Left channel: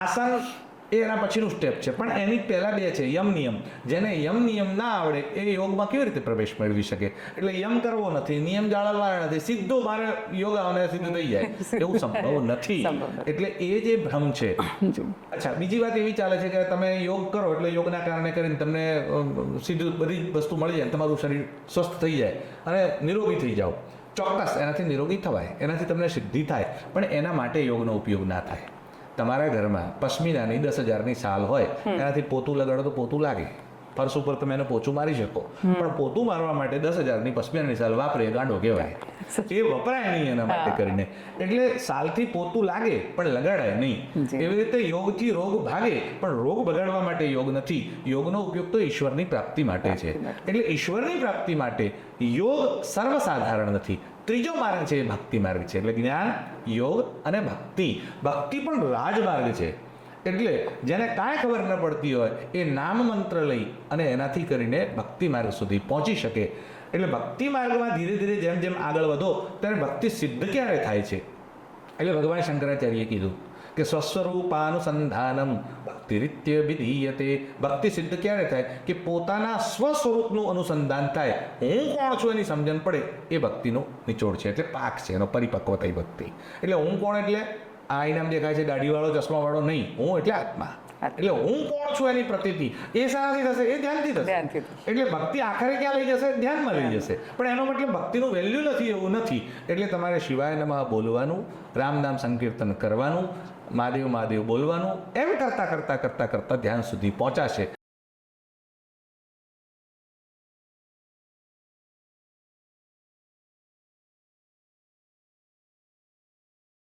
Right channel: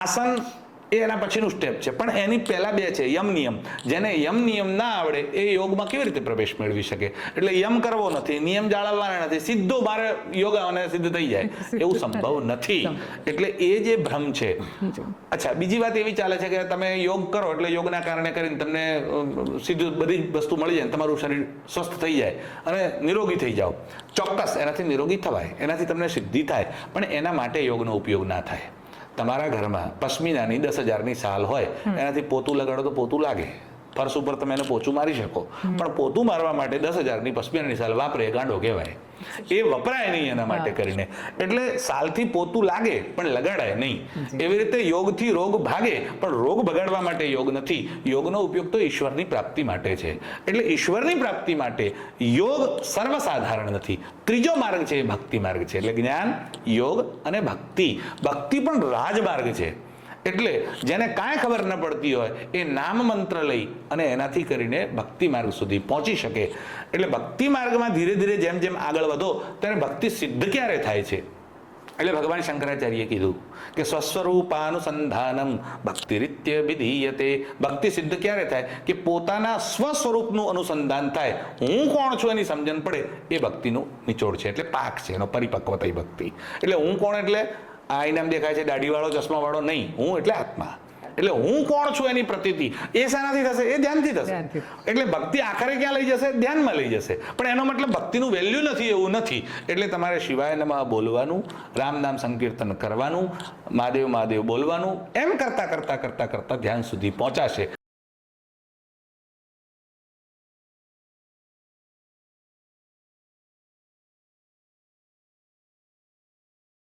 આસન એ એના પછીનું સ્ટેપ છે, પણ એની પહેલા બે છે યમ નિયમ. જેને યમ નિયમ ના આવડે એ યોગમાં કેવી રીતે પ્રવેશ મેળવી શકે? એટલે યમ કરવો નથી, નિયમ જાળવવાના નથી, સીધો મારે યોગ અને સિદ્ધ થઈ જાય એવું સંભવ નથી. એટલે એ જે ભ્રમ છે. અચ્છા, બીજી વાત એવી ચાલે છે કે તમે યોગ કરો એટલે યોગના કારણે કરીને તમને સીધું બધી વસ્તુ મળી જાય, તમારું શરીર સ્વસ્થ થઈ જાય અને નિરોગી થઈ જાઓ. ચોક્કસ એનાથી નિરોગી થવાય, એનાથી તમને સિદ્ધિ થાય, પણ એના માટે યોગનો ઉપયોગ ના થાય. તમારા ઘરમાં પશ્મિનાની 10,000ની સાલ હોય, એનાથી પોતું લગાડો તો પોતું લાગે, ફર્શ ઉપર તમે એને પોચું મારી શકો, પણ પોતું મારવા માટે 10,000ની પશ્મિનાની સાલ વાપરે ગાંડો કહેવાય. એ વપરાય નહીં એના માટે કરીને. એટલે સાલથી પોતું લાગે પણ લગાડાય નહીં. એવી રીતે યોગથી રોગ ભાગે, પણ રોગ ભગાડવા માટે યોગ નથી. યોગનો ઉપયોગ તો ઈશ્વરની પ્રાપ્તિ માટે છે. એટલે ઈશ્વરની પ્રાપ્તિ માટે યોગ સર્વસાધારણ નથી. ત્રીજો માર્ગ છે એ ભક્તિ માર્ગ છે. એટલે જ્ઞાન, યોગ અને ભક્તિ. ભક્તિ પણ રાજમાર્ગ છે. એટલે જેને કાંઈ ખબર ન પડતી હોય એ નામ મંત્ર લઈ અને એનાથી કરીને ભક્તિ માર્ગ સુધી પહોંચી શકે. એટલે ભક્તિ માર્ગમાં ધીરે ધીરે જેમ જેમ આગળ વધો ત્યારે ભક્તિ સિદ્ધ ક્યારે થાય છે? એટલે ભગવાન શંકરાચાર્યએ કીધું કે સ્વસ્વરૂપાનુસંધાનમ ભક્તિરીત્ય વિધીયતે. ભક્તિ સિદ્ધ ક્યારે થાય? કે પોતાના સ્વસ્વરૂપનું અનુસંધાન થાય, હું કોણ છું એની સમજણ પડે, એ ભક્તિનો નિચોડ છે. એટલે પાક છે એનો, પરિપક્વ થઈ ભક્તિ. એટલે હું કોણ એટલે આ ઇનામ દેખાય છે દાઢીવાળો ચશ્માવાળો નહીં, હું એટલે આત્મા. એટલે હું કોણ છું એની પ્રતીતિ એ શાનાથી થશે? એ ધ્યાનથી થશે. એટલે ભક્તિ આખરે ક્યાં લઈ જશે? ધ્યાનમાં લઈ જશે. પણ એનો મતલબ ભક્તિનું વેલ્યુ નથી એવું નથી. એટલે તમારે શિવાય નમઃ બોલવાનું, રામ નામ સંકીર્તન કરવાનું, મહાદેવ મહાદેવ બોલવાનું, એમ કરતા કરતા કરતા કરતા ધ્યાન સુધી પહોંચાશે.